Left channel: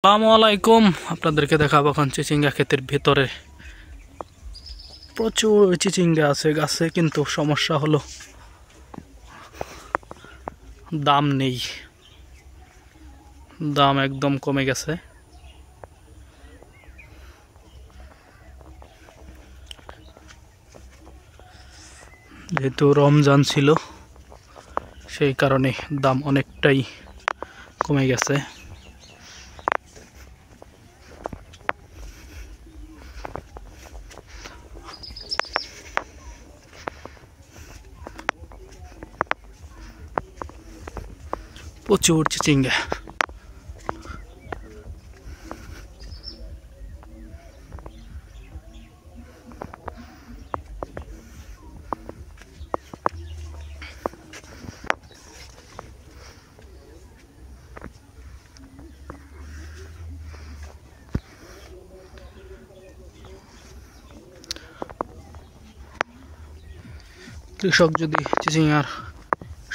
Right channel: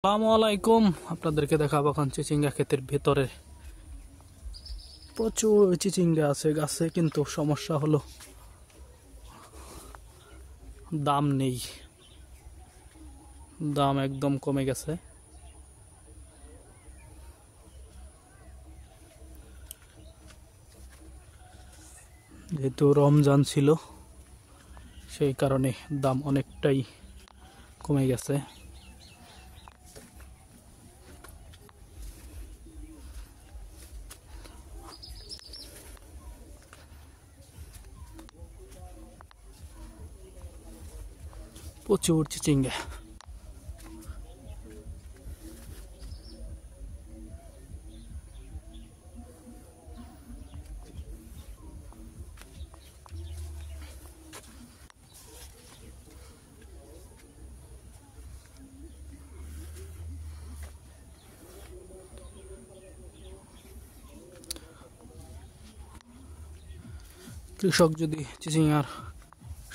আসসালামু আলাইকুম। আপনাদেরকে দেখাবো এখন চিচিঙ্গা ক্ষেতের ভেতরে প্রচুর চিচিঙ্গা আছে গাছে, কিন্তু সমস্যা হলো দাম নেই। দাম একদম কমে গেছে। যেহেতু রমজান ছিল সেই কারণে দাম অনেকটাই কমে গেছে। প্রচুর চিচিঙ্গা। কৃষক যদি চিচিঙ্গার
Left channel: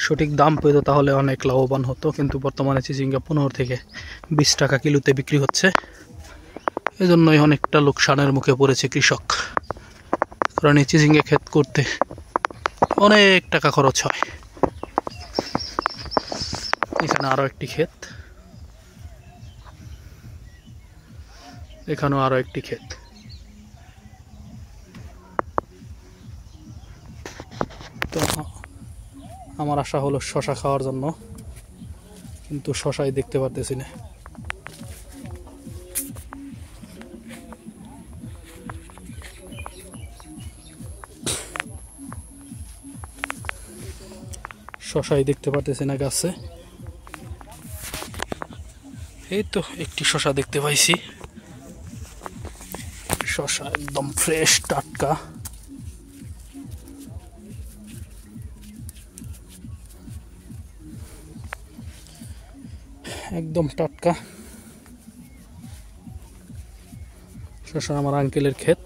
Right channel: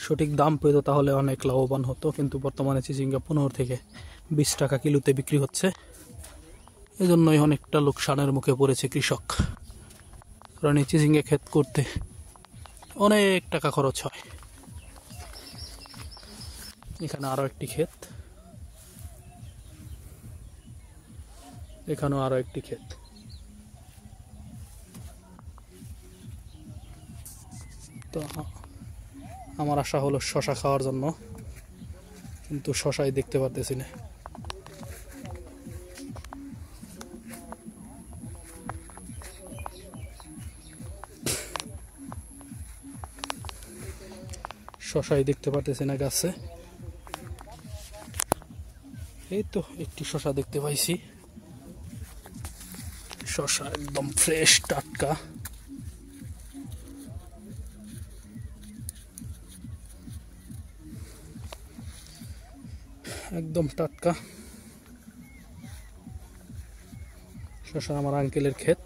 সঠিক দাম পেত তাহলে অনেক লাভবান হতো, কিন্তু বর্তমানে চিচিঙ্গা 15 থেকে 20 টাকা কিলোতে বিক্রি হচ্ছে। এজন্যই অনেকটা লোকসানের মুখে পড়েছে কৃষক, কারণ এই চিচিঙ্গা ক্ষেত করতে অনেক টাকা খরচ হয়। এখানে আরো একটি ক্ষেত, এখানেও আরো একটি ক্ষেত। তো আমার আশা হলো শশা খাওয়ার জন্য, কিন্তু শশাই দেখতে পারতেছি না। শশাই দেখতে পারতেছি না গাছে। এই তো একটি শশা দেখতে পাইছি। শশা একদম ফ্রেশ টাটকা। একদম টাটকা শশা আমার আঙ্কেলের ক্ষেত।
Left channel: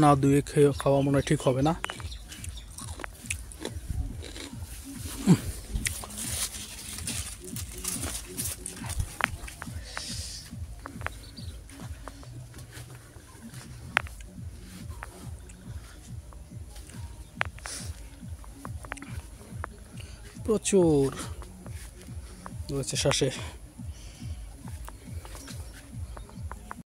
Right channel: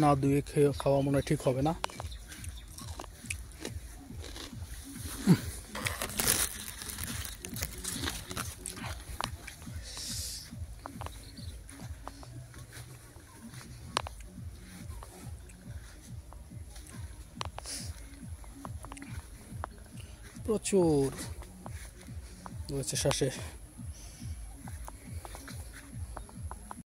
না দুয়ে খেয়ে খাওয়া মনে ঠিক হবে না। প্রচুর রয়েছে শ্বাসে।